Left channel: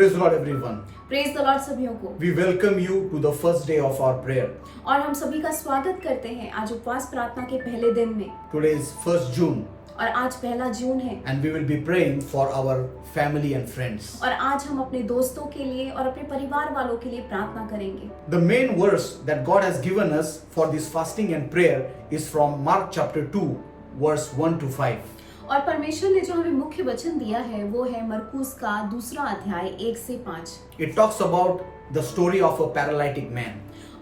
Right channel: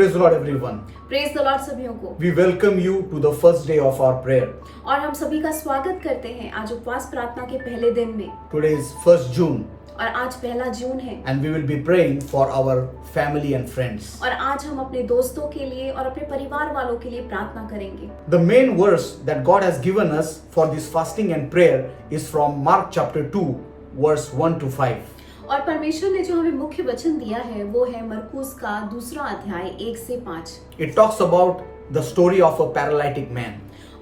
Praise the Lord, everyone. Praise the Lord सभियों को। We welcome you to the first day of our prayer. और हम सभी का स्वागत करते हैं आज उपवास प्रार्थना के पहले दिन में। Today is 1st June और आज 1 जून है and we will be praying for our family and friends. और आज हम अपने दोस्तों के लिए और अपने परिवार वालों के लिए प्रार्थना करेंगे। The main verse that God has given us for this fasting and prayer is from Mark chapter 2 verse 1 to 5. और परमेश्वर ने जो हमें मुख्य वचन दिया है वो है मरकुस का 2 अध्याय 1 से 5। It talks about the story of a paralytic man.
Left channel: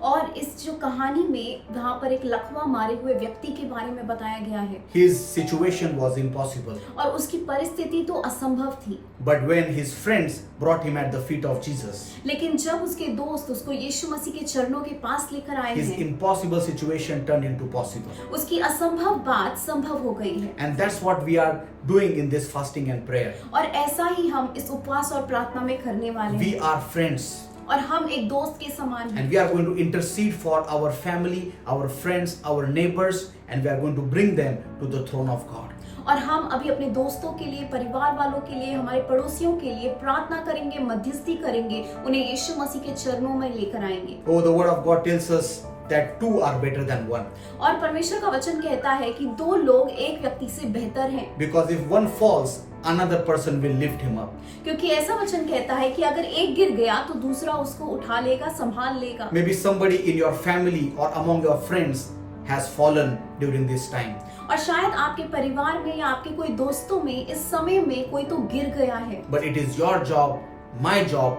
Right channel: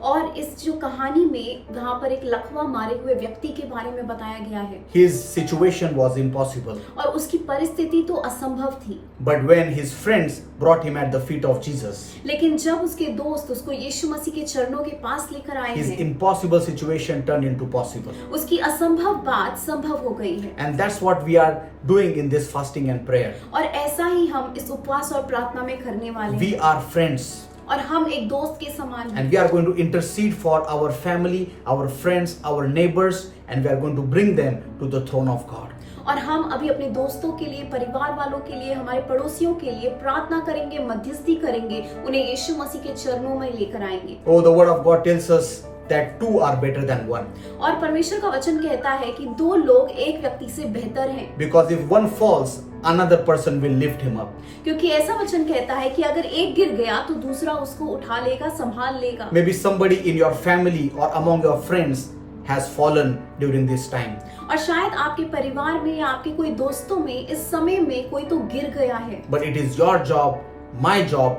और इस जो कहानी में वहाँ पर एक लकवा मारे हुए व्यक्ति के बारे में बताया गया है। His situation was impossible. और उसकी परिस्थिति तो असंभव थी। But when his friends brought him at the feet of Jesus, लेकिन जब उसके दोस्त उसको यीशु मसीह के चरणों के पास लेकर आए his हैं, impossible situation turned into possible. उसकी असंभव बात संभव हो गई है। And that's what we are doing in this fasting and prayer. और ऐसा ही हम इस उपवास और प्रार्थना में करने वाले We हैं। are friends. और हम एक दोस्त के समान हैं। And we are going to intercede for our family, our friends, our neighbors, and we are going to bring them to the throne of God. और हम अभी अपने दोस्तों के लिए, परिवार वालों के लिए, हमारे पड़ोसियों के लिए प्रार्थना करेंगे, मध्यस्थी करेंगे, उन्हें यीशु मसीह के चरणों में लेकर आएंगे। Oh, the word of God tells us that two are better than one. और परमेश्वर का वचन कहता है कि 2 लोग एक व्यक्ति से बेहतर हैं। Because if one falls, another person will lift him up. क्योंकि ऐसा वचन कहता है कि अगर एक गिर गया तो दूसरा उसको उठा लेगा, संभाल लेगा। Maybe somebody in your family or among your friends has fallen during this time. और शायद आपके परिवार में या आपके कोई दोस्तों में इस समय में कोई तो गिर गया है। But it is your job, my job,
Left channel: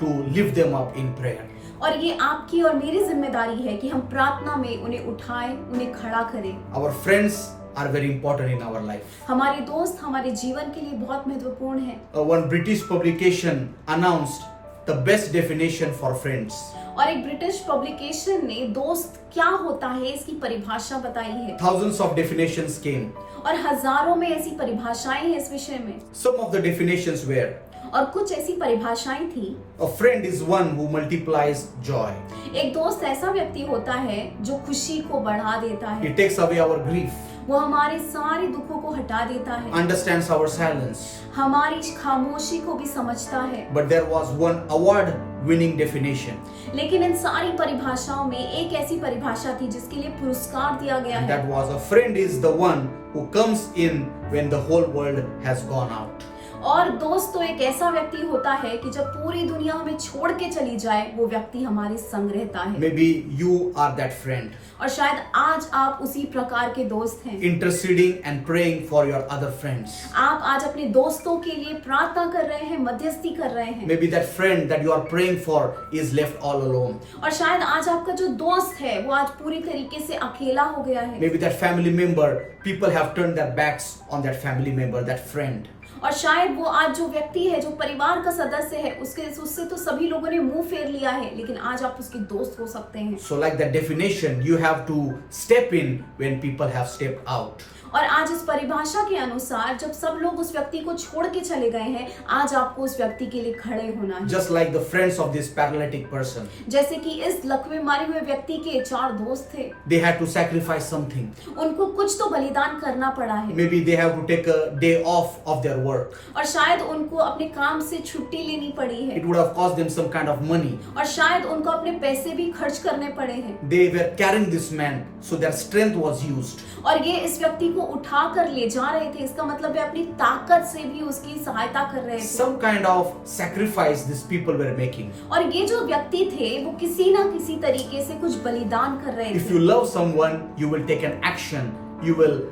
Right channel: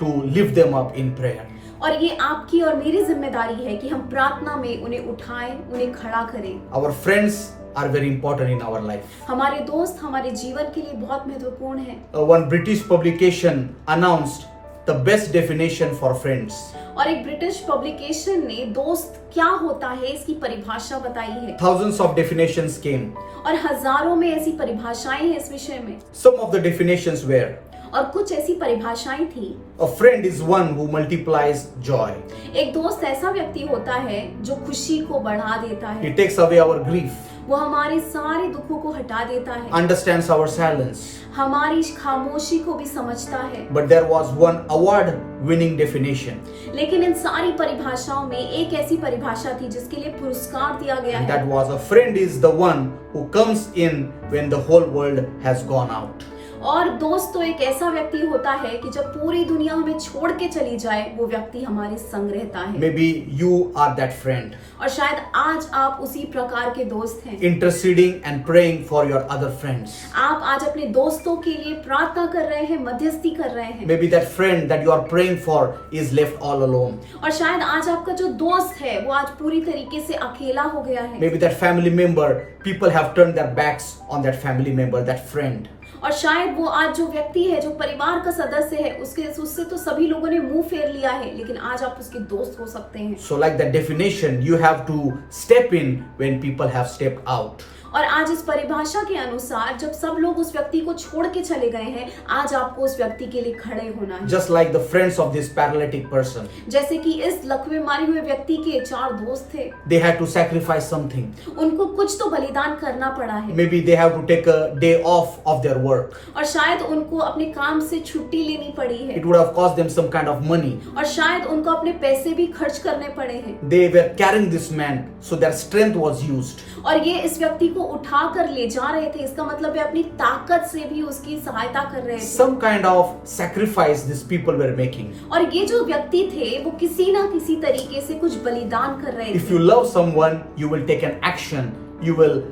to lift them up in prayer. और ये आपकी और मेरी जिम्मेदारी है कि हम प्रार्थना में उन्हें उठाएं, उन्हें खड़ा करें। Our friends are very important in our life. हमारे दोस्त हमारे जीवन के लिए बहुत महत्वपूर्ण हैं। One British publication announced the best definition for friends. और एक ब्रिटिश पब्लिकेशन ने दोस्त क्या होता है इसकी परिभाषा बताई है। Thousands of definitions came. और हजारों में ऐसी परिभाषाएं हैं इस विषय में। Some of the definitions were: और कुछ ऐसी परिभाषाएं थी। a friend is one who multiplies joy. एक दोस्त ऐसा व्यक्ति होता है जो खुशी को बढ़ा देता है। He takes away our grief, वो हमारे सारे दुखों को हटा देता है, understands our silence. हमारी खामोशी को भी समझता है। But there was one award-winning definition, लेकिन इन सारी परिभाषाओं में एक ऐसी परिभाषा थी जिसके लिए पुरस्कार दिया गया and है। that was: a friend is the one who comes in when the whole world has gone out. और दोस्त तो एक ऐसा व्यक्ति होता है कि जब पूरी दुनिया हमें छोड़ के चली जाए वो व्यक्ति हमारे संग रहता है। Maybe you are that friend, और शायद आज आप उसी प्रकार के दोस्त हैं। interceding and praying for your other friends. आप आज अपने दोस्तों के लिए प्रार्थना कर रहे हैं, मध्यस्थी कर रहे हैं। Maybe that friend that you are praying for is left all alone. और शायद आज आपका जो दोस्त है वो आज पूरी तरीके से अकेला हो गया है। Maybe that family member, people have turned their backs on that family member, that friend. और शायद वो आज जो व्यक्ति है, जो परिवार का सदस्य है, उससे तो सभी लोगों ने मुंह फेर लिया है, लेकिन आज आप उसके दोस्त हो सकते हैं। So like that definition, you have to step in when people have stepped out. और आज इस परिभाषा के अनुसार जब सब लोग उस व्यक्ति को छोड़ के चले गए हैं, आज आपको उस व्यक्ति के लिए खड़े होना है। Just like the friends of this paralytic person, जैसे कि इस लकवे मारे हुए व्यक्ति के 4 दोस्त थे, they had to sacrifice something. उनको कुछ तो बलिदान करना पड़ा है। Maybe they have to take a day off of their work. और शायद उनको अपने काम से छुट्टी लेनी पड़ी है। It would have cost them some kind of money. और शायद उनको अपने पैसे भी खर्च करने पड़े हैं। They were carrying this man, so their strength was used. और ये इस व्यक्ति को उठा कर ले जा रहे थे, इसका मतलब है अपनी ताकत से भी उसकी सहायता कर रहे थे। Some kind of sacrifice these people were making. और ये जो व्यक्ति थे वो किसी ना किसी तरीके से कुछ बलिदान कर रहे If थे। you love someone, you will take an action. You will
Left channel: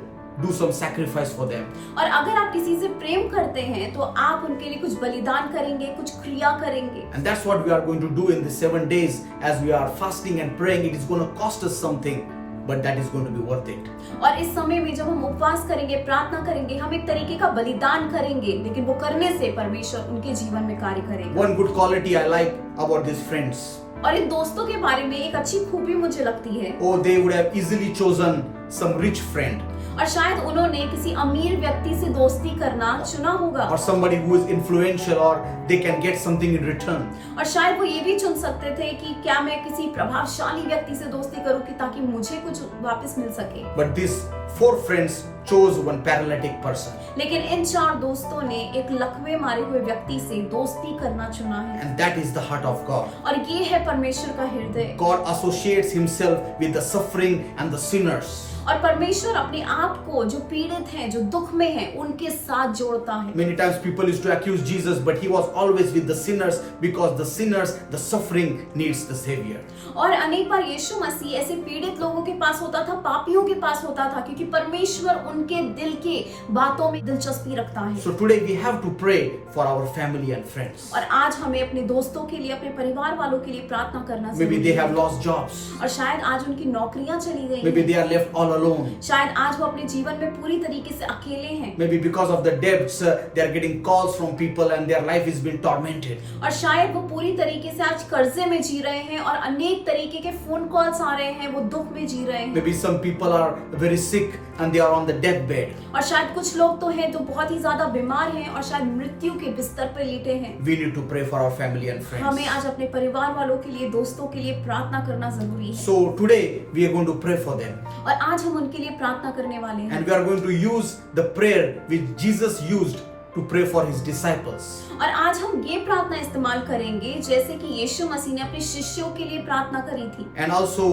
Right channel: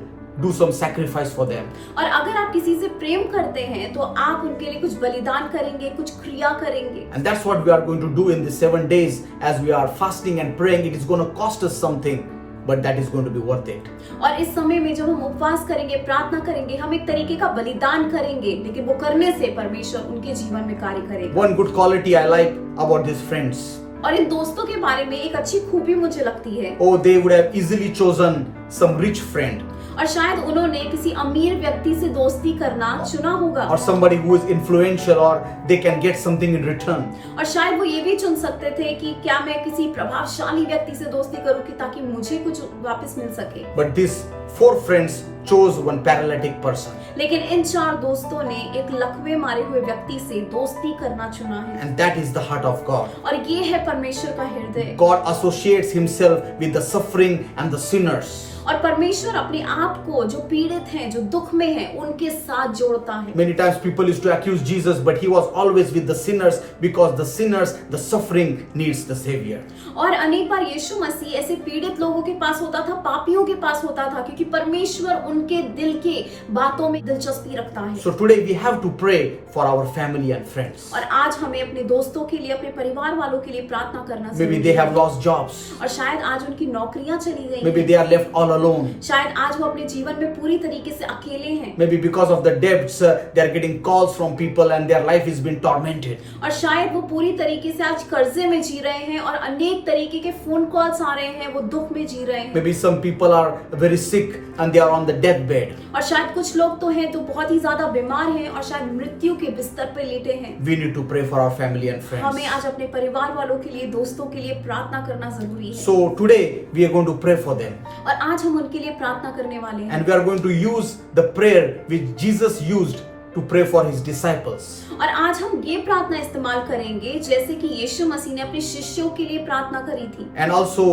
do some sacrifice for them. और अगर आप किसी से प्रेम करते हैं तो आप उनके लिए कुछ बलिदान करेंगे, कुछ क्रिया करेंगे। And that's what we are going to do in the 7 days as we are fasting and praying. It is going to cost us something, but that is going to be worth it. और इस समय में जब हम उपवास करेंगे, प्रार्थना करेंगे, हम एक तरीके का बलिदान करेंगे, लेकिन वो करने से परमेश्वर उनके जीवन में कार्य करेगा। One good quality I like about these friends. और इन दोस्तों के बारे में एक अच्छी खूबी मुझे लगती है। Oh, they would have easily chosen some rich friend. और शायद उन्होंने किसी अमीर व्यक्ति से दोस्ती करना चुना होगा, or somebody who is influential, or they can get something in return. और शायद वो ये भी चुन सकते थे कि क्या मैं किसी प्रभावशाली व्यक्ति से दोस्ती करूं कि ताकि मुझे कुछ वापस मिल सके। But this 4 friends chose one paralytic person. लेकिन इन 4 दोस्तों ने एक लकवे मारे हुए व्यक्ति से दोस्ती करना चुना है, And that is the heart of God. और ये है परमेश्वर का हृदय। God associates himself with the suffering and the sinners. और परमेश्वर अपने आप को जो पीड़ित हैं, जो दुख में हैं, उनके साथ जोड़ता है। Many times people used to accuse Jesus, but he was always with the sinners because the sinners, the suffering needs the savior. और अनेक बार यीशु मसीह ऐसे पीड़ित लोगों के पास होता था, पापियों के पास होता था, क्योंकि परमेश्वर उनके दिल के बातों में दिलचस्पी रखता है। So today we have to pray for our family and friends. और आज हमें अपने दोस्तों के लिए, अपने परिवार वालों के लिए प्रार्थना करना Maybe जरूरी they है। have lost jobs. और शायद आज उनकी नौकरियां चली गई Maybe हैं। they are left all alone. शायद आज वो अपने जीवन में पूरी तरीके से अकेले हैं। Maybe because of the debts, they are getting calls from people and their life is being tormented. और शायद वो पूरी तरीके से आज कर्जे में जी रहे हैं और अनेक तरीके के फोन कॉल्स आ रहे हैं, वो दुख में जी रहे हैं। Maybe some people are very sick and they are on the deathbed. और शायद कुछ लोग तो हैं जो बहुत ही ज्यादा बीमार हैं और शायद मृत्यु के बिस्तर पे लेटे हैं। We need to pray for our family and friends. हमें आज अपने परिवार वालों के लिए, दोस्तों के लिए प्रार्थना करना जरूरी है। So today we are going to pray for them. और आज हम उनके लिए प्रार्थना करने वाले हैं। And we are going to use the prayer which Jesus used to pray for his disciples. और आज हम ये प्रार्थना इस्तेमाल करेंगे जैसे कि यीशु मसीह ने अपने शिष्यों के लिए प्रार्थना करी थी। And also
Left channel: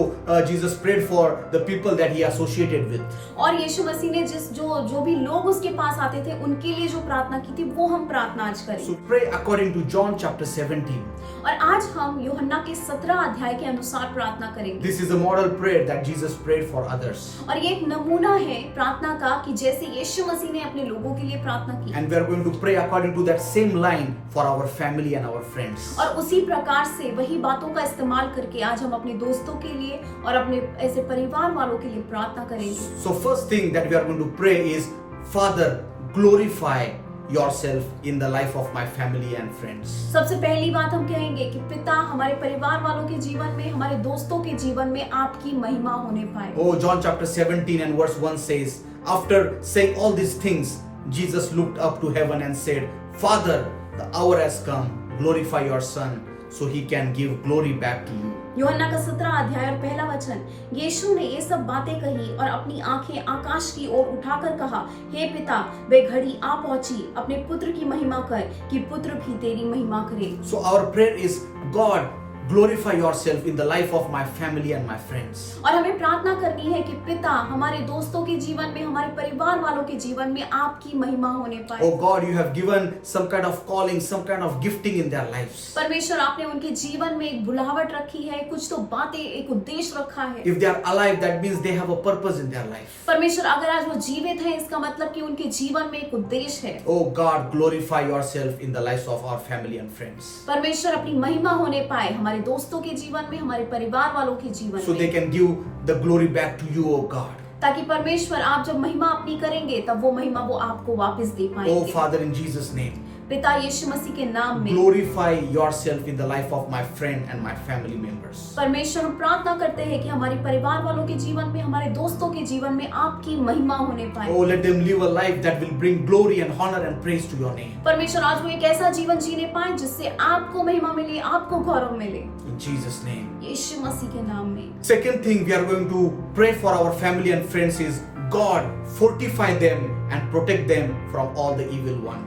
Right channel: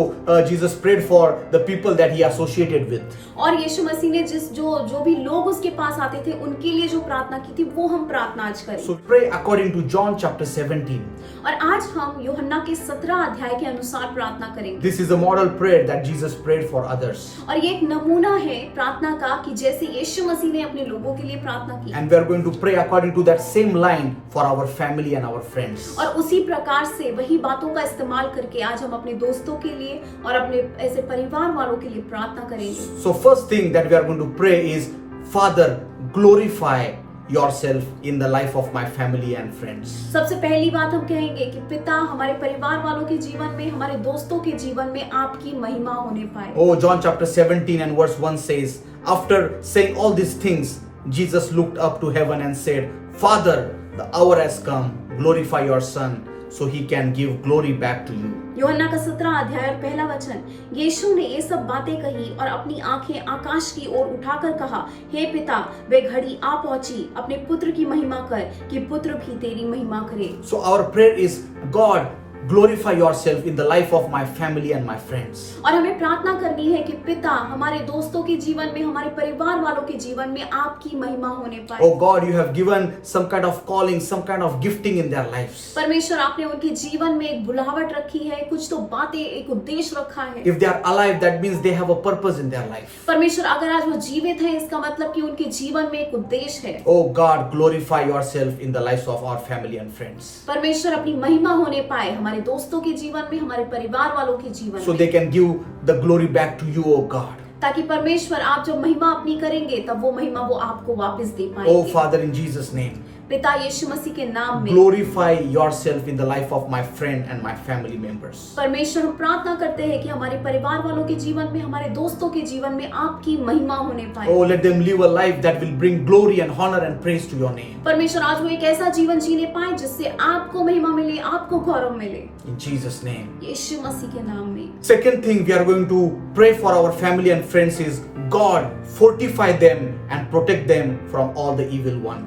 Jesus prayed for the people that he associated with. और यीशु मसीह ने जो भी लोग उसके पास आते थे उनके लिए जो प्रार्थना की थी, वो हम प्रार्थना आज करें। So pray according to John chapter 17. और आज हम यूहन्ना के 17 अध्याय के अनुसार प्रार्थना करेंगे। This is a model prayer that Jesus prayed for others. और ये एक नमूना है प्रार्थना का कि जैसे यीशु मसीह ने अपने लोगों के लिए प्रार्थना की। And we are going to pray according to that same line for our family and our friends. और उसी प्रकार से वही बातों का इस्तेमाल करके आज हम अपने दोस्तों के लिए और अपने ऐसे परिवार वालों के लिए प्रार्थना करेंगे। So first thing that we are going to pray is, Father, glorify yourself in the life of my family and friends. सबसे पहली बात हम कहेंगे कि पिता, हमारे परिवार वालों के जीवन में, हमारे दोस्तों के जीवन में आपकी महिमा होने पाए। Oh, John chapter 17 and verse 1 says, after saying all these things, Jesus looked up to heaven and said, Father, the hour has come, glorify your Son, so he can give glory back to you. यूहन्ना का 17 अध्याय और पहला वचन, यीशु ने ये सब बातें कही और अपनी आंखें आकाश की ओर उठाकर कहा, हे पिता, वे घड़ी आ पहुंची, अपने पुत्र की महिमा कर कि पुत्र भी तेरी महिमा करे। So our prayer is, God, glorify yourself in the life of my family and my friends. और हमें प्रार्थना करनी है कि पिता, हमारे दोस्तों के जीवन में, हमारे परिवार वालों के जीवन में आपकी महिमा होने पाए। Oh God, you have given some kind of calling, some kind of gifting in their lives. परमेश्वर, आपने उनके जीवन में एक बुलाहट रखी है, कुछ तो बातें, एक उद्देश्य रखा है। If they are alive, that means they have a purpose in their life. परमेश्वर, अगर आज वो जीवित हैं, इसका मतलब कि उनके जीवन में एक उद्देश्य है। Oh God, glorify yourself in the lives of our family and friends. परमेश्वर, अपनी महिमा होने पाए हमारे दोस्तों के जीवन में, हमारे परिवार वालों के जीवन So में, they can give the glory back to you, oh God. ताकि परमेश्वर, आप जब महिमा अपनी करेंगे तब वो महिमा वो आपको वापस दे Oh पाएंगे। Father, in Jesus' name, पिता, यीशु मसीह के नाम में glorify yourself in the life of my friend and my family members. परमेश्वर, हम प्रार्थना करते हैं कि हमारे परिवार वालों के जीवन में, हमारे दोस्तों के जीवन में आपकी महिमा होने पाए। Oh, let them live a life that will bring glory and honor and praise to your name. परमेश्वर, आज वो एक ऐसा जीवन जीने पाए जिससे आपको महिमा मिले, आपको गौरव मिले, In Jesus' name. यीशु मसीह के नाम में। Second thing we are going to pray for our family and friends is, God, fortify them and protect them from all the evil one.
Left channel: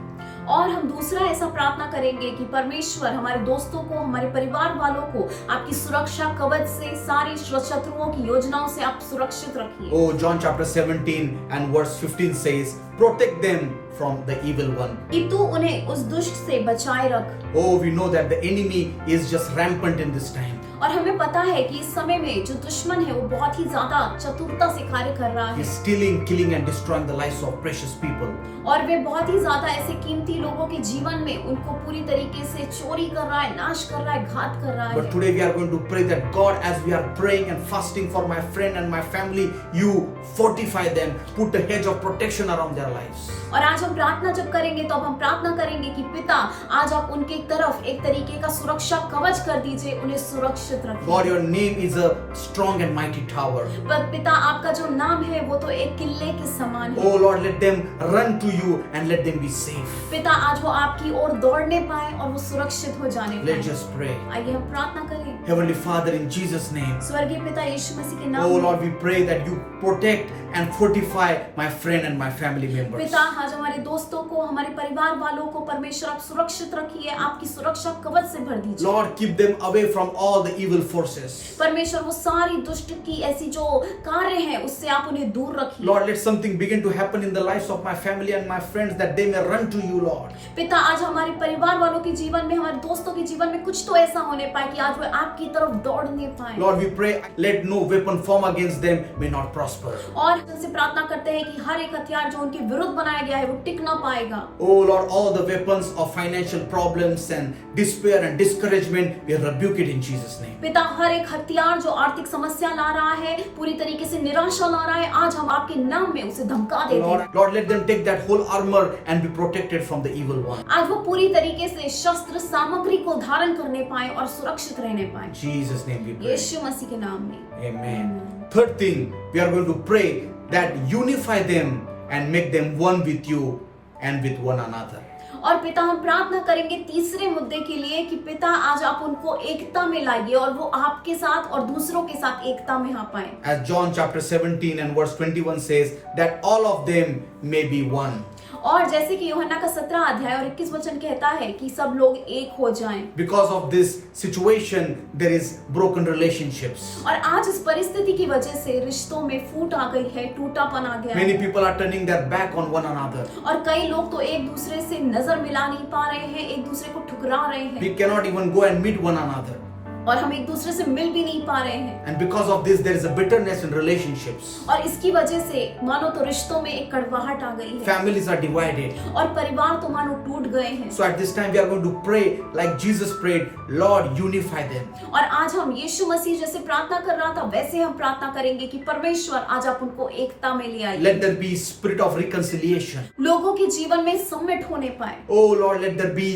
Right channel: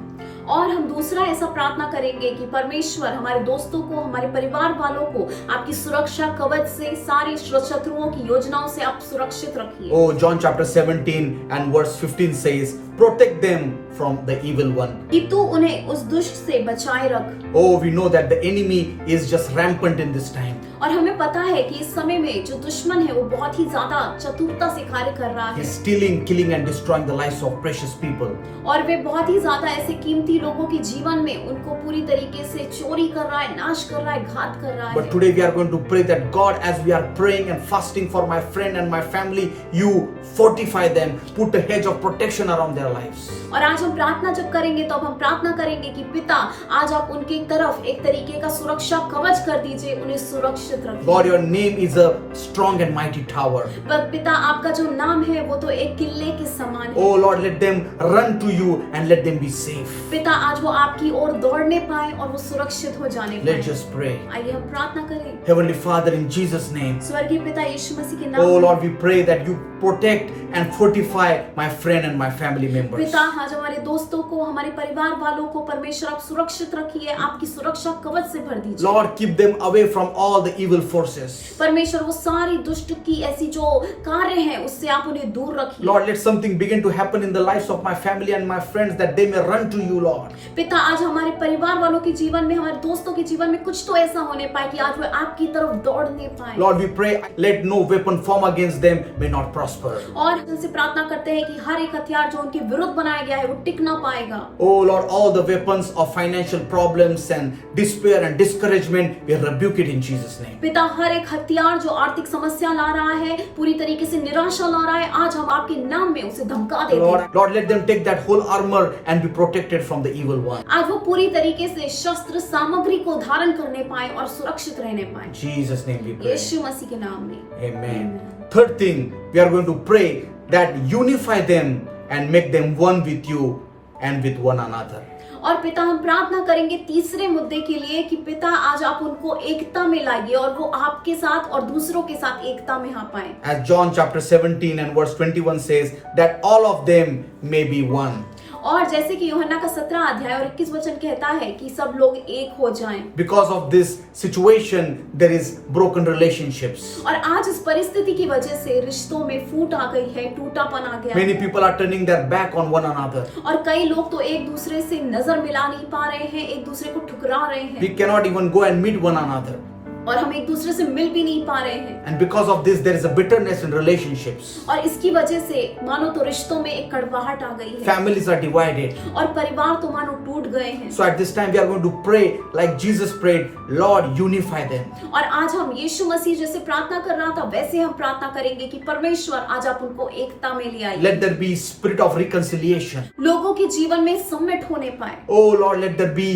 और हम दूसरा ऐसा प्रार्थना करेंगे कि परमेश्वर, हमारे दोस्तों को, हमारे परिवार वालों को आपकी सुरक्षा कवच से, सारी शत्रुओं की योजनाओं से आप सुरक्षित रखिए। Oh, John chapter 17 and verse 15 says, protect them from the evil one. कि तू उन्हें उस दुष्ट से बचाए रख। Oh, we know that the enemy is just rampant in this time. और हमें पता है कि इस समय में जो दुश्मन है वो बहुत ही ज्यादा चतुरता से कार्य कर रहा है। He's stealing, killing and destroying the lives of precious people. और वे बहुत ही ज्यादा ऐसे कीमती लोगों के जीवन में उनको पूरी तरीके से चोरी कर रहा है, नाश कर रहा है, घात कर रहा But है। today we are going to pray that God, as we are praying and fasting for my friend and my family, you fortify them, put a hedge of protection around their lives. और आज हम प्रार्थना जब करेंगे तो अब हम प्रार्थना करेंगे कि पिता, आज आप उनके तरफ एक तरीके का सुरक्षा कवच कर दीजिए, उन्हें सुरक्षित सुरक्षित God, रखिए। your name is a strong and mighty tower. पिता आपका जो नाम है वो तो एक किले के समान है। Oh Lord, let them run to you and let them be safe. पिता आज वो आपकी ओर दौड़ने पाए और वो सुरक्षित हो जाने Let's पाए। just pray. आइए हम प्रार्थना करें। Heavenly Father, in Jesus' name. स्वर्गीय पिता यीशु मसीह के नाम Oh में। Lord, we pray that you protect and fortify my friend and my family members. पिता आज हमारे दोस्तों को, हमारे परिवार वालों को परमेश्वर आप सुरक्षित रखिए, आपकी सुरक्षा कवच से भर दीजिए। Lord, keep them away from all the evil forces. परमेश्वर वो सारी दुष्ट की ऐसी जो कार्य है उससे आप उन्हें दूर रखिए। Lord, let something begin to happen in the lives of my family and my friends that they may run to you, Lord. पिता आज हमारे परिवार वालों के जीवन में, हमारे दोस्तों के जीवन में कुछ तो ऐसा होने पाए कि आज वे आपकी तरफ दौड़ने पाए। Lord, we pray, let no weapon form against them may not prosper. और उनसे प्रार्थना करते हैं कि हर एक हथियार जो उनके विरुद्ध बनाया गया है वो टिक ना पाएगा। Oh Lord, all the weapons of financial problems and despair and discouragement, we rebuke it in Jesus' name. पिता हर एक हथियार जो आर्थिक समस्या ला रहा है, पूरी तरीके से निराशा ला रहा है, आज हम आपके नाम में उसे धमका देते हैं। Lord, let them take that whole armor and be protected from the evil one. आज वो पूरी तरीके से शस्त्र सामग्री को धारण करने पाए और सुरक्षित रहने पाए। In Jesus' name we pray. यीशु मसीह के नाम में। Amen. Third thing, we are going to pray that unify them and make them one with you and with one another. और पिता हम प्रार्थना करेंगे तीसरे मुद्दे के लिए कि पिता आज आप उनको एकता में लाइए और वो आपके साथ और दूसरों के साथ एकता में आ पाए। As John chapter 17 and verse 21 says, that all of them may be one. और जैसे कि यूहन्ना का 17 अध्याय और 21 वचन कहता है कि सब लोग एक हो जाएं। Because of this situation, there is broken relationships. और आज इस परिस्थिति की वजह से रिश्तों में फूट आ गई है, टूटापन आ गया Many है। people are turning their back on one another. और कई लोग तो एक दूसरे से नजर मिला नहीं पा रहे हैं, एक दूसरे को ठुकरा रहे हैं We cannot even go and meet one another. और हम एक दूसरे से मिल भी नहीं पा रहे हैं। And because of this, there is a bitterness in relationships. और इसकी वजह से मानो तो रिश्तों में एक कड़वाहट आ गई है Families are divided. और परिवार तो मानो टूट गए हैं। So at this time, we are going to pray like Jesus prayed, Lord, unify them. और आज हम यीशु मसीह जैसे प्रार्थना कर रहा था वैसे हम प्रार्थना करेंगे कि परमेश्वर आज आप उनको एकता में ले आइए। Let there be spirit of reconciliation. लोगों के जीवन में सम्मिलित होने पाए। Oh Lord, let there be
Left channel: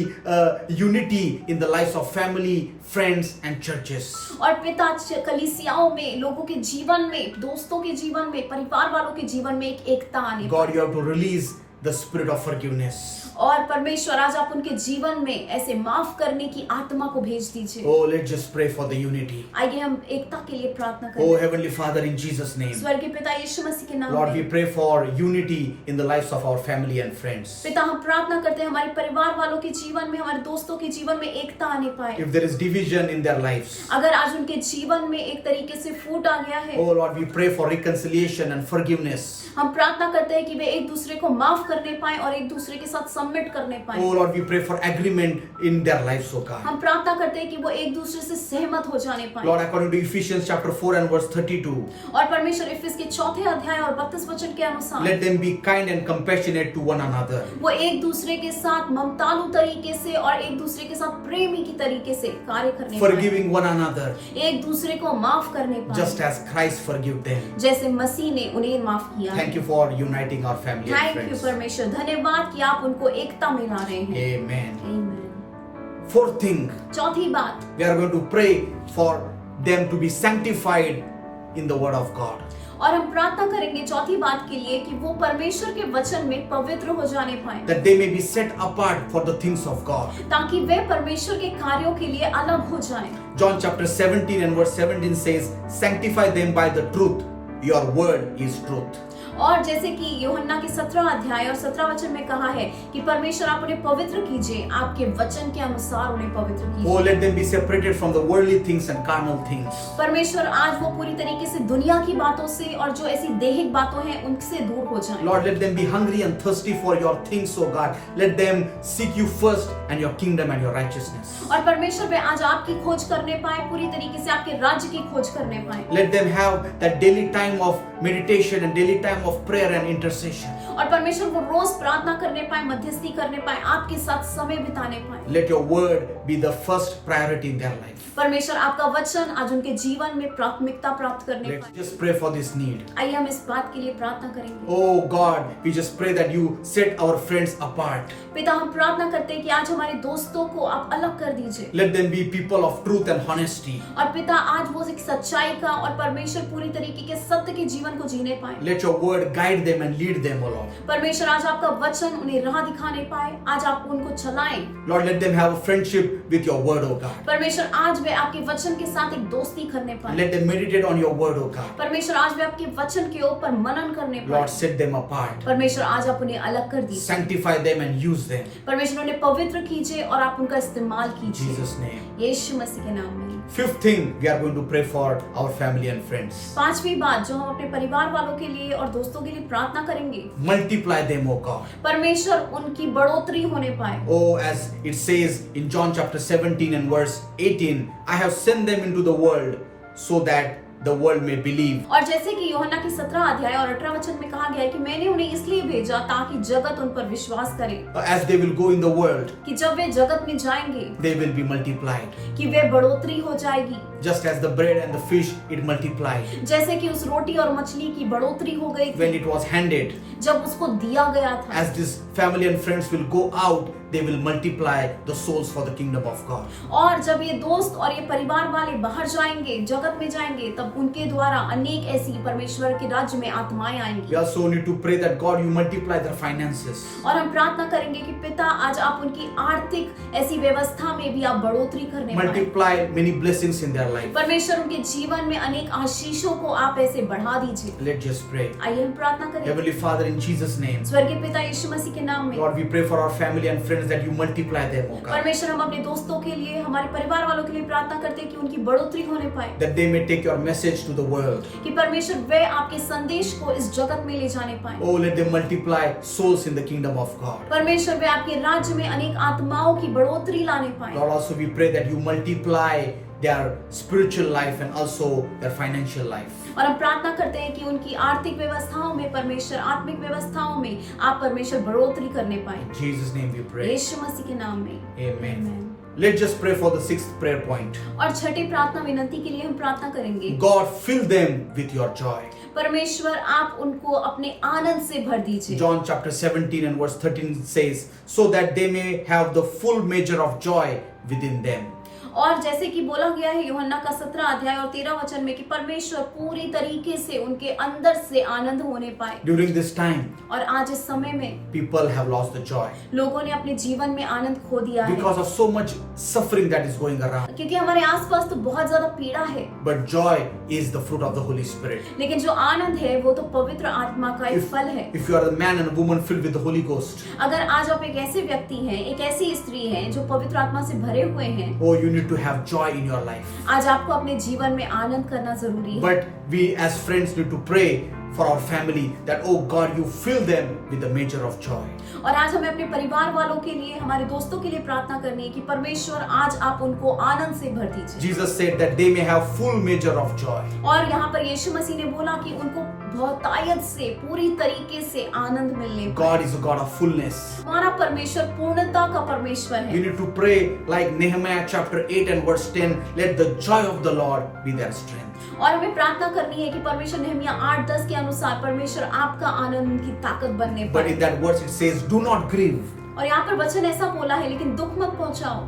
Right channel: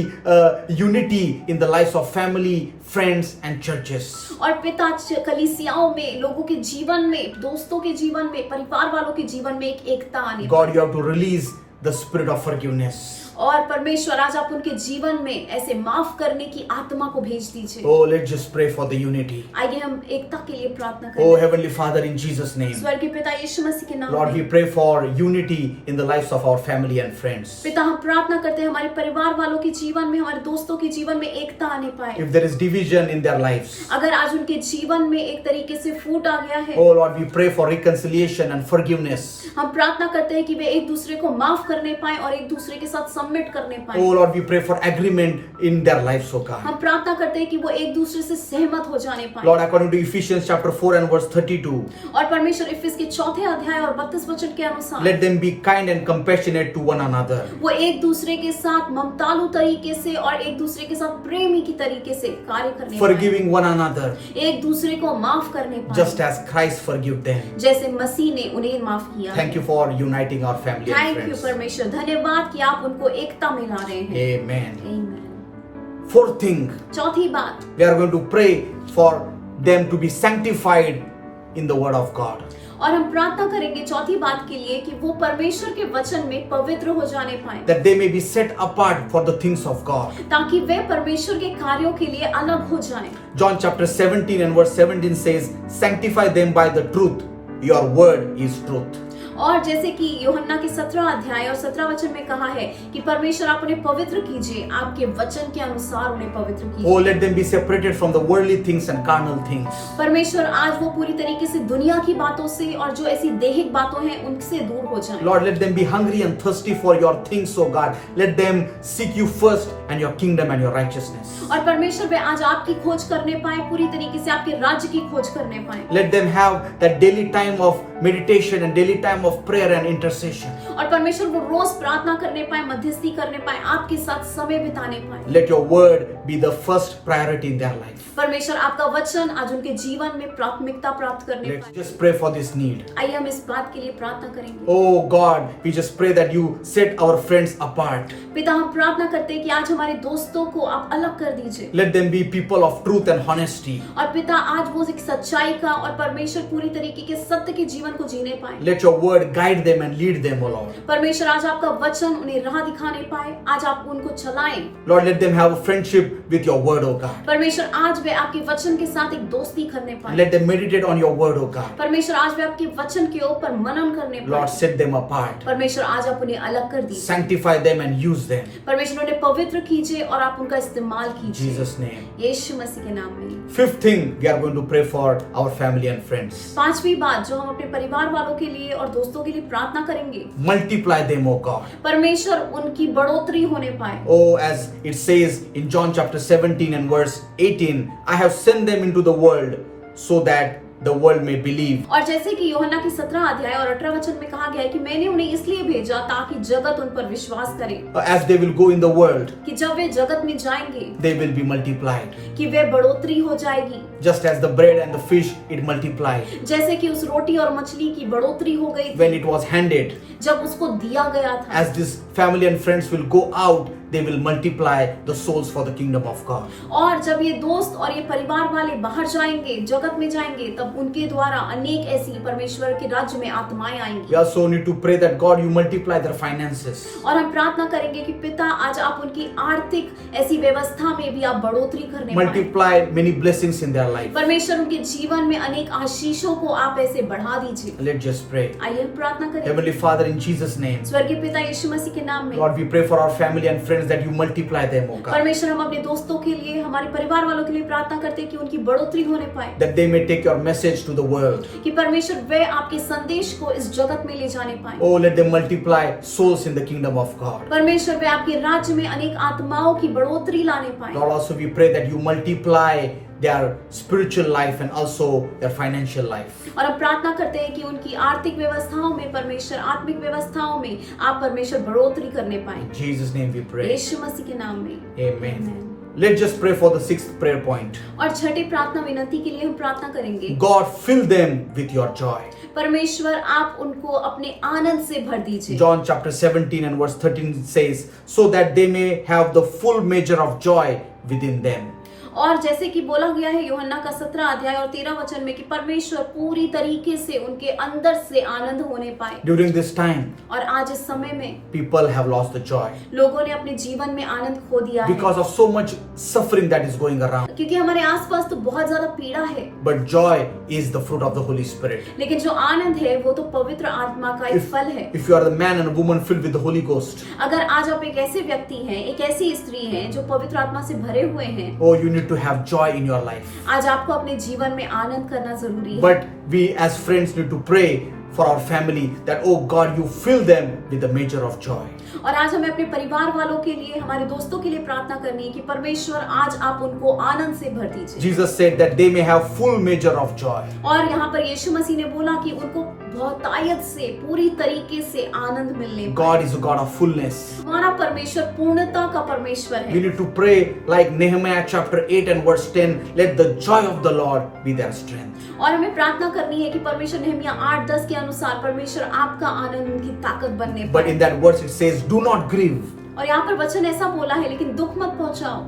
unity in the lives of family, friends and churches. और पिता कलीसियाओं में, लोगों के जीवन में, दोस्तों के जीवन में, परिवार वालों के जीवन में एक एकता आने पाए। God, you have to release the spirit of forgiveness. और परमेश्वर आज आप उनके जीवन में ऐसे माफ करने की आत्मा को भेज दीजिए। Oh, let's just pray for the unity. आइए हम एकता के लिए प्रार्थना Oh, करें। Heavenly Father, in Jesus' name. स्वर्गीय पिता यीशु मसीह के नाम Lord, we में pray for unity in the lives of our family and friends. पिता हम प्रार्थना करते हैं हमारे परिवार वालों के जीवन में, हमारे दोस्तों के जीवन में एकता आने पाए। If there is division in their lives, अगर आज उनके जीवन में एक तरीके से फूट आ गया है, oh Lord, we pray for reconciliation and forgiveness. हम प्रार्थना करते हैं कि वे एक दूसरे को माफ करने पाए और एक दूसरे के साथ सबमिट करने पाए। Oh Lord, we pray for agreement in their lives, oh God. हम प्रार्थना करते हैं कि वो एक दूसरे से सहमत हो जाने पाए। Lord, according to Ephesians chapter 4 and verse 32, और परमेश्वर इफिस के 4 अध्याय और 32 वचन के अनुसार let them be kind and compassionate to one another. वो एक दूसरे के साथ ममतालु तरीके से और एक दूसरे के साथ प्रेमी की तरीके से कार्य करने पाए। Forgiving one another, एक दूसरे को माफ करने just पाए, as Christ forgave them. जैसे मसीह ने उन्हें माफ किया। Thank you for uniting our family and thank you friends. परमेश्वर, धन्यवाद कि आप उनको एकता में ला रहे हैं। Amen. Amen। Fourth thing, चौथी बात, we are going to pray for them to be sanctified in the word of God. और हम प्रार्थना करेंगे चौथी बात के लिए कि वो परमेश्वर के वचन में पवित्र हो जाने पाए, That they may be set apart for the things of God. ताकि वे परमेश्वर के कार्यों के लिए अलग हो जाएं। John chapter 17 and verse 17 says, sanctify them by the truth. Your word is truth. और जैसे कि यूहन्ना के 17 अध्याय और 17 वचन में कहा है कि परमेश्वर आप उन्हें पवित्र कीजिए, आपके वचन के अनुसार उन्हें पवित्र Oh, कीजिए। let them be separated from the worldly things and carnal things. परमेश्वर आज वो पूरी तरीके से दुनिया की बातों से और जो ऐसी दैहिक बातों हैं उनसे दूर हो जाएं। Lord, let them be hungry and thirsty for your things, oh God. Let them seek you first and your kingdom and your righteousness. और परमेश्वर वे आज आपकी खोज करने पाए, पूरी तरीके से आपके राज्य की खोज करने पाए। Let them have that daily time of meditation and daily time time of prayer and intercession. और परमेश्वर वो रोज प्रार्थना करने पाए, मध्यस्थी करने पाए, आपके साथ समय बिताने पाए। Let your word be the first priority in their life. परमेश्वर आपका वचन आज उनके जीवन में प्राथमिकता प्राप्त करने Let's पाए। just pray for this need. आइए हम इस बात के लिए प्रार्थना करेंगे। Oh God, we just pray that you set our friends apart. पिता, हम प्रार्थना करते हैं कि आज हमारे दोस्तों को आप अलग कर दीजिए। Let them be people of truth and honesty. और पिता, आज वो एक सच्चाई का और परमेश्वर पूरी तरीके के सत्य के जीवन को जीने पाए। Let your word guide them and lead them, O Lord. परमेश्वर आज आपका वचन उन्हें राह दिखाने पाए, आज आप उनको चलाएं। Lord, let them have a friendship with your word, O God. परमेश्वर आज वे आपके वचन के साथ एक दोस्ती करने पाए। Let them meditate on your word, O God. परमेश्वर आज वे आपके वचन के ऊपर मनन करने Lord, पाए। set them apart. परमेश्वर आज आप उन्हें अलग कर दीजिए। Sanctify them and use them. परमेश्वर उन्हें पवित्र कीजिए और आप उनका इस्तेमाल In कीजिए, Jesus' name. यीशु मसीह के नाम में। Fifth thing, we are going to pray for our family and friends. पांचवी बात जो हम अपने परिवार वालों के लिए और दोस्तों के लिए प्रार्थना करेंगे, Multiply them, O God. परमेश्वर उनकी बढ़ोतरी होने पाए। Oh, as it says in John chapter 17 and verse 18, I have sent them into the world so that the world may believe. और जैसे कि यूहन्ना की 17 अध्याय और 18 वचन में कहा गया है कि मैंने उन्हें इसलिए भेजा ताकि जगत उन पर विश्वास करे, As they will go in the world, कि जब वे जगत में जाएंगे they will be multiplied. कि वे बढ़ोतरी हो जाएगी, Just as the bread and the fish, it multiplied. जैसे कि उस रोटी और मछली की बढ़ोतरी हो गई When थी it was handed, जब उसको दिया गया था। as this family and friends will go out, they will multiply the souls for the kingdom of God. और जब ये दोस्त और ये परिवार वाले बाहर जाएंगे, जगत में जाएंगे, तब उनके द्वारा अनेक ऐसी परमेश्वर के राज्य में आत्माएं We आएंगी। also need to pray that God, you multiply their finances. और हम प्रार्थना करेंगे कि पिता आज आप उनकी आर्थिक ऐसी व्यवस्था में भी आप बढ़ोतरी करने पाए। Multiply many blessings in their life. परमेश्वर उनके जीवन में अनेक आशीषों को आप ऐसे बढ़ा दीजिए। Let's just pray. आइए हम प्रार्थना करें। Heavenly Father, in Jesus' name, स्वर्गीय पिता यीशु मसीह के नाम में Lord, we pray for our family and friends that you multiply them, O God. परमेश्वर हम अपने दोस्तों के लिए, हमारे परिवार वालों के लिए प्रार्थना करते हैं कि उनकी बढ़ोतरी होने पाए, That they may take your message to the world. कि परमेश्वर वे आपके संदेश को इस जगत में ले जाने पाए। Oh, let them multiply souls in the kingdom of God. परमेश्वर वे आपके राज्य में अनेक आत्माओं की बढ़ोतरी लाने पाए। Lord, also we pray that you multiply their spiritual life and also their financial life. और हम प्रार्थना करते हैं कि उनकी आर्थिक व्यवस्थाओं में परमेश्वर, आत्मिक व्यवस्थाओं में आप परमेश्वर बढ़ोतरी करने पाए। In Jesus' name we pray. यीशु मसीह के नाम में Amen. Amen. Let's just pray for the sixth prayer point. और छठी प्रार्थना विनती के लिए हम प्रार्थना करेंगे, God, fill them with your joy. परमेश्वर आप उनको अपने आनंद से भर दीजिए। John chapter 17 and verse 13 says, so that they may have the full measure of joy within them. और जैसे कि बोला गया है यूहन्ना का 17 अध्याय और 13 वचन में कि परमेश्वर पूरी तरीके से उनके अंदर से आनंद होने पाए। During this time, और आज इस समय में people have lost the joy लोगों ने अपने जीवन में आनंद खो दिया है, because of so much suffering that is going around. क्योंकि हमारे आसपास तो बहुत ज्यादा पीड़ा है, But joy is the fruit of the Holy Spirit. लेकिन जो आनंद है वो तो पवित्र आत्मा का एक फल है। If you are a man and a woman filled with the Holy Ghost, अगर आज आप एक ऐसे व्यक्ति हैं, एक ऐसी स्त्री हैं जो पवित्र आत्मा से भरे हुए हैं, oh, you need to have joy in your life. आज आपको अपने जीवन में आनंद करना जरूरी है। But we as friends need to pray for our family that, oh God, you fill them with the measure of joy. और आज हमें अपने परिवार वालों के लिए, हमारे दोस्तों के लिए प्रार्थना करनी है कि परमेश्वर आज आप उनको आनंद से भर दीजिए। Jesus said that they may have full measure of joy. और यहाँ पर यीशु मसीह ने बोला कि उनको बहुतायत से, पूरी तरीके से आनंद मिलने पाए। God is a God of fullness. हमारा परमेश्वर पूर्णता का परमेश्वर We है। need to pray like Nehemiah chapter 8 and verse 10, let the joy of the Lord be their strength. और हमें प्रार्थना करनी है कि परमेश्वर नहमिया 8:10 के अनुसार परमेश्वर आपका आनंद उनकी ताकत बनने But पाए। in that verse it says, do not grieve, और यहाँ पर वचन ऐसा बोला है, लेकिन दुख मत पहुंचाओ,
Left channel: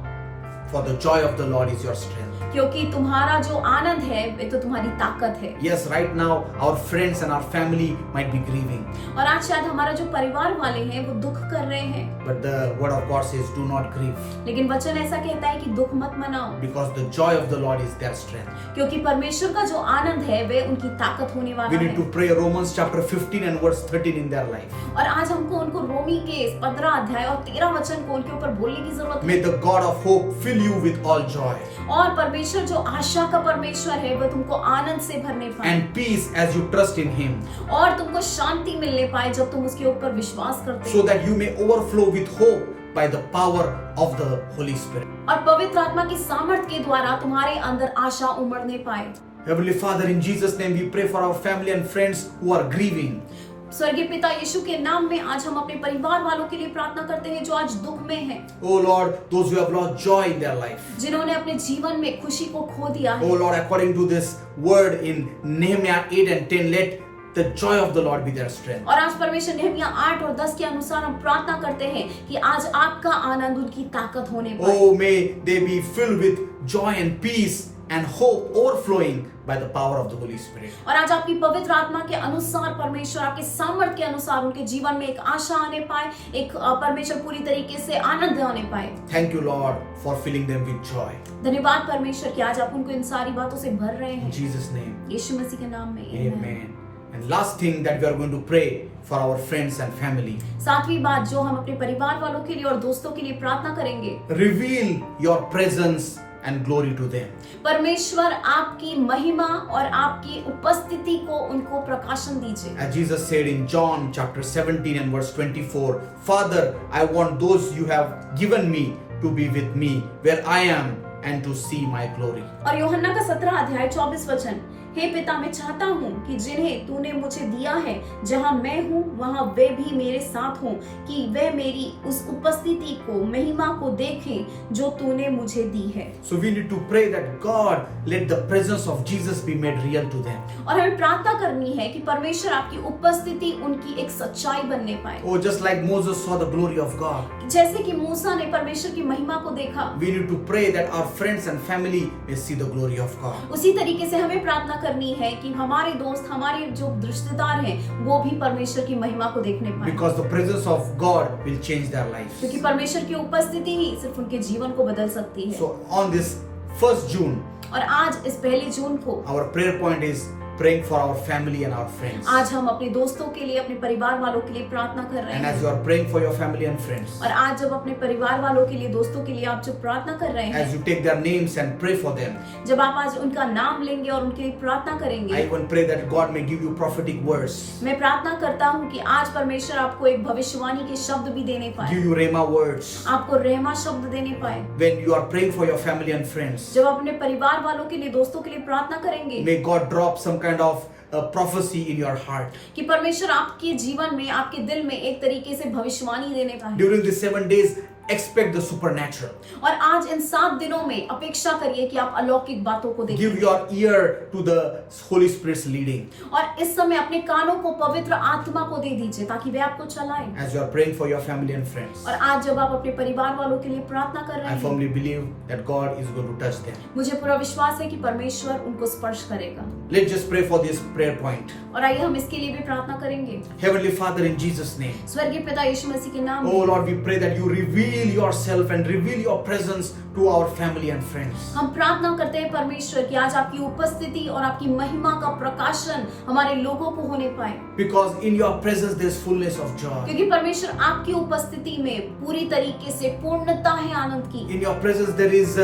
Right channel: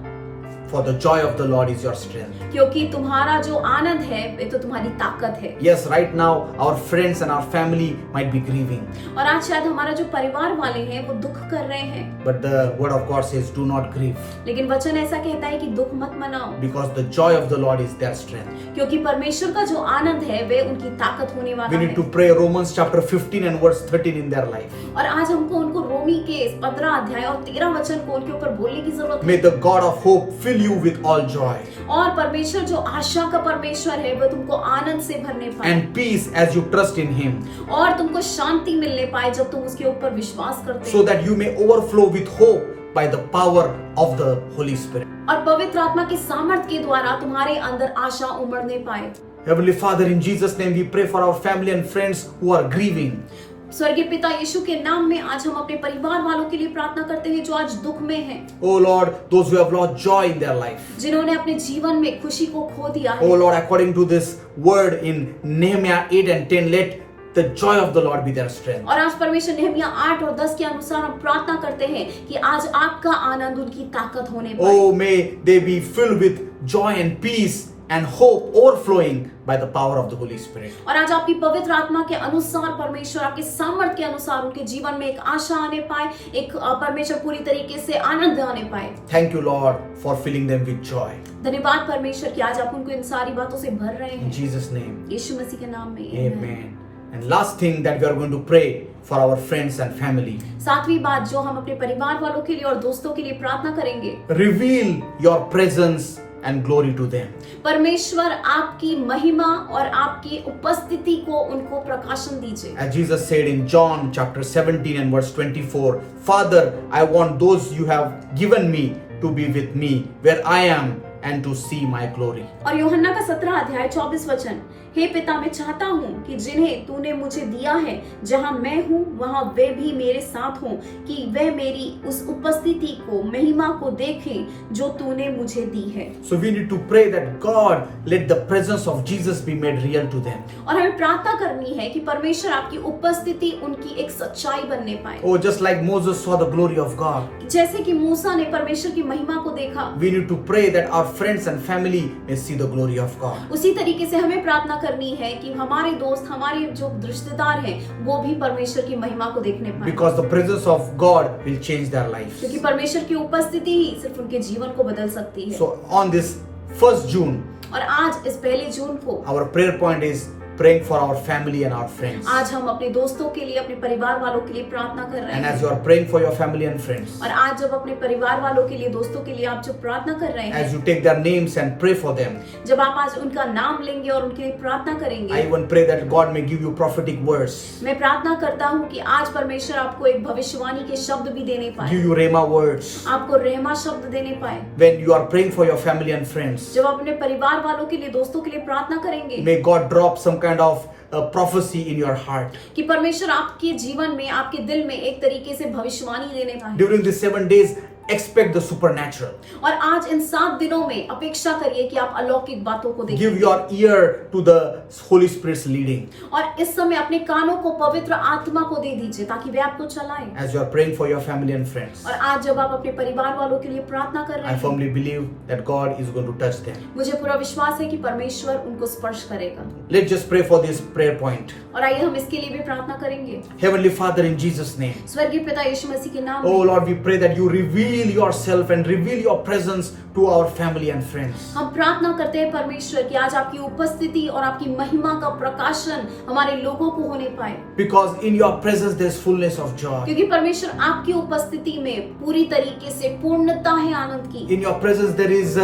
for the joy of the Lord is your strength. क्योंकि तुम्हारा जो आनंद है वे तो तुम्हारी ताकत है। Yes, right now our friends and our family might be grieving, और आज शायद हमारा जो परिवार वाले हैं वो दुख कर रहे हैं, but the word of God says, do not grieve, लेकिन वचन ऐसा कहता है कि दुख मत मनाओ, because the joy of the Lord is their strength. क्योंकि परमेश्वर का जो आनंद है वे उनकी ताकत होने We वाला need है। to pray Romans chapter 15 and verse 13 in their life. और आज हमको उनको रोमी के 15 अध्याय और 13 वचन को उनके ऊपर बोलने की जरूरत May है। the God of hope fill you with all joy और परमेश्वर जो आशा का परमेश्वर है वह तुमको आनंद से भरने पाए, and peace as you trust in Him, और तुमको शांति मिलने पाए जब तुम उसके ऊपर विश्वास करते so हो, that you may overflow with hope by the power of the Holy Spirit. और पवित्र आत्मा की सामर्थ के द्वारा तुम्हारे अंदर आशा उमड़ने पाए। Heavenly Father, in Jesus' name we pray for our family and friends who are grieving. स्वर्गीय पिता यीशु के नाम में आज हम अपने परिवार वालों के लिए प्रार्थना करते हैं जो आज दुख में हैं, Oh Lord, those who have lost joy in their life. जिन्होंने अपने जीवन में खुशी को खो दिया है। Oh Lord, according to this word in Nehemiah 8 and 10, let the joy of the Lord be their strength. और आज परमेश्वर नहमिया 8 और 10 के अनुसार हम प्रार्थना करते हैं कि आज आपका आनंद उनकी ताकत होने पाए। Oh, may they be filled with joy and peace and hope overflowing by the power of the Holy Spirit. और आज आपकी पवित्र आत्मा के अनुसार परमेश्वर आपके सामर्थ्य के अनुसार उनके जीवन में एक आशा आने पाए, एक परमेश्वर पूरी तरीके से आनंद आने पाए। Thank you, Lord, for filling them with joy. धन्यवाद परमेश्वर कि आज आप उनको इन सारी बातों से भर रहे In हैं, Jesus' name. यीशु मसीह के नाम में। Amen. And last thing that we are going to pray for our friends and family. सातवीं बात जो हम अपने परिवार वालों के लिए और दोस्तों के लिए प्रार्थना करेंगे, Reveal your presence and glory to them. परमेश्वर आपकी महिमा और आपकी उपस्थिति को उनको प्रकाशन दीजिए। As Jesus said in John chapter 17 and verse 24, Father, I want those you have given me to be with me where I am and to see my glory. और यूहन्ना का 17 अध्याय 24 वचन, हे पिता मैं चाहता हूँ कि जिन्हें तूने मुझे दिया है जहाँ मैं हूँ वहाँ वे भी मेरे साथ हों, कि वे मेरी उस उपस्थिति को महिमा को देखें जो तूने मुझे दी है। So we need to pray that God let the presence of Jesus be made real to them. और हमें प्रार्थना करनी है कि परमेश्वर आपकी उपस्थिति उनकी एक सच्चाई बनने पाए। Oh, just like Moses saw the glory of God, जैसे कि मूसा ने परमेश्वर की महिमा को देखा, we need to pray that our friends and family may see the glory of God. उसी तरीके से हमें प्रार्थना करनी है कि हमारे दोस्त, हमारे जो रिश्तेदार हैं, वो भी परमेश्वर की महिमा को देखने पाए। Because the presence of God will change their lives. क्योंकि परमेश्वर की उपस्थिति ही सिर्फ उनके जीवन को बदल सकती है। So on this 1st June, और आज इस 1 जून को our prayer point is praying for our family and our friends. आज हम अपने दोस्तों के लिए, अपने परिवार वालों के लिए प्रार्थना कर रहे And हैं। as you are praying for your family and friends, और आज जब अपने परिवार वालों के लिए, दोस्तों के लिए आप जब प्रार्थना कर रहे हैं, as you take their names and pray for them, जब आप आज उनका नाम लेंगे और उनके लिए प्रार्थना I करेंगे, even pray that God may give you prophetic words, मैं प्रार्थना करता हूँ कि आज परमेश्वर आपको एक भविष्यवाणी के शब्द भी देने पाए, give you rhema words. आपको रहमा शब्द देने पाए। When you are praying for your family and friends, जब आप अपने परिवार वालों के लिए, दोस्तों के लिए प्रार्थना करेंगे, may God drop some kind of prophecy in your heart. कि परमेश्वर आपके जीवन में, आपके दिल में एक तरीके से भविष्यवाणी देने पाए। During these 7 days, expect the supernatural. और आज इन 7 दिनों में अपेक्षा करिए कि आप अलौकिक बातों को देखें। Give your ear to the Holy Spirit's leading. और इस समय अपने कानों को पवित्र आत्मा को दे दीजिए ताकि वे आपको चलाएं। As you are praying for your family and friends, और आज जब आप अपने परिवार वालों के लिए प्रार्थना कर रहे I हैं, firmly believe that God is going to touch them. मुझे पूरा विश्वास है कि परमेश्वर उनको स्पर्श करेगा। Let's just pray for this prayer point. और आइए हम इसके लिए भी प्रार्थना करेंगे। Heavenly Father, in Jesus' name. स्वर्गीय पिता यीशु मसीह के नाम Oh में Lord, we pray that you reveal yourself and reveal your presence to our family and friends. हम प्रार्थना करते हैं परमेश्वर कि आज आपकी उपस्थिति और आपकी महिमा का प्रकाशन हमारे लोगों को होने पाए, Because in your presence there is fullness of joy. क्योंकि परमेश्वर आपकी उपस्थिति में पूरी तरीके से पूर्णता है आनंद की। In your presence there is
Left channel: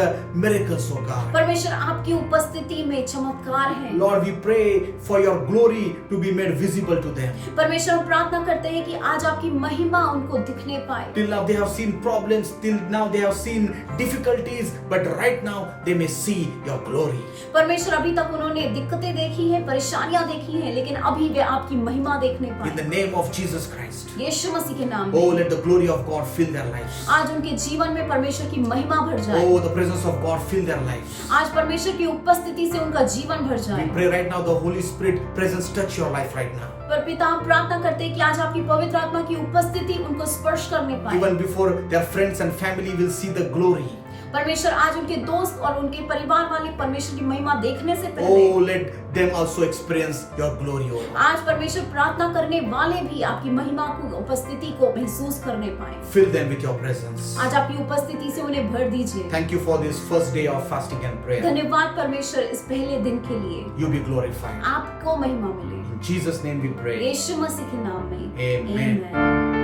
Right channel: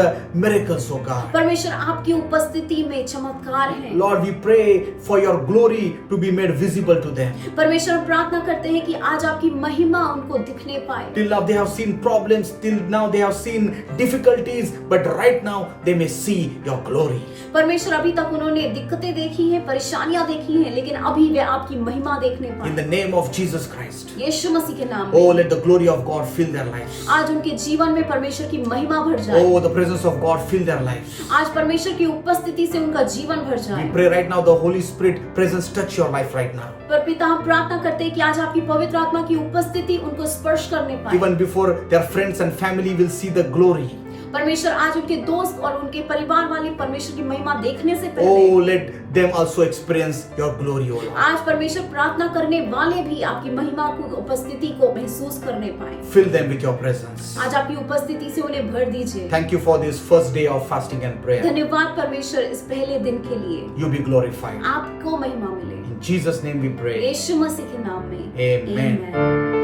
miracles, oh God. परमेश्वर आपकी उपस्थिति में चमत्कार है। Lord, we pray for your glory to be made visible to them. परमेश्वर हम प्रार्थना करते हैं कि आज आपकी महिमा उनको दिखने पाए। Till now they have seen problems, till now they have seen difficulties, but right now they may see your glory. परमेश्वर अभी तक उन्होंने दिक्कतें देखी हैं, परेशानियां देखी हैं, लेकिन अभी वे आपकी महिमा देखने In पाए। the name of Jesus Christ. यीशु मसीह के नाम Oh, में let the glory of God fill their lives. आज उनके जीवन में परमेश्वर की महिमा भर जाए। Oh, the presence of God fill their lives. आज परमेश्वर की उपस्थिति से उनका जीवन भर We जाए। pray right now the Holy Spirit presence touch your life right now. पर पिता हम प्रार्थना करते हैं कि आज आपकी पवित्र आत्मा की उपस्थिति उनको स्पर्श करने पाए। Even before their friends and family will see the glory. परमेश्वर आज उनके दोस्त और उनके परिवार वाले परमेश्वर की महिमा देखने से Oh, पहले let them also experience your glory, oh Lord. आज परमेश्वर प्रार्थना करने वाले भी आपकी महिमा को, उपस्थिति को महसूस करने पाए। Fill them with your presence. आज आपकी उपस्थिति से उन्हें भर दीजिए। Thank you for this first day of fasting and prayer. धन्यवाद परमेश्वर इस पहले दिन के लिए। You be glorified. आपको महिमा मिले। In Jesus' name we pray. यीशु मसीह के नाम में Amen. Amen.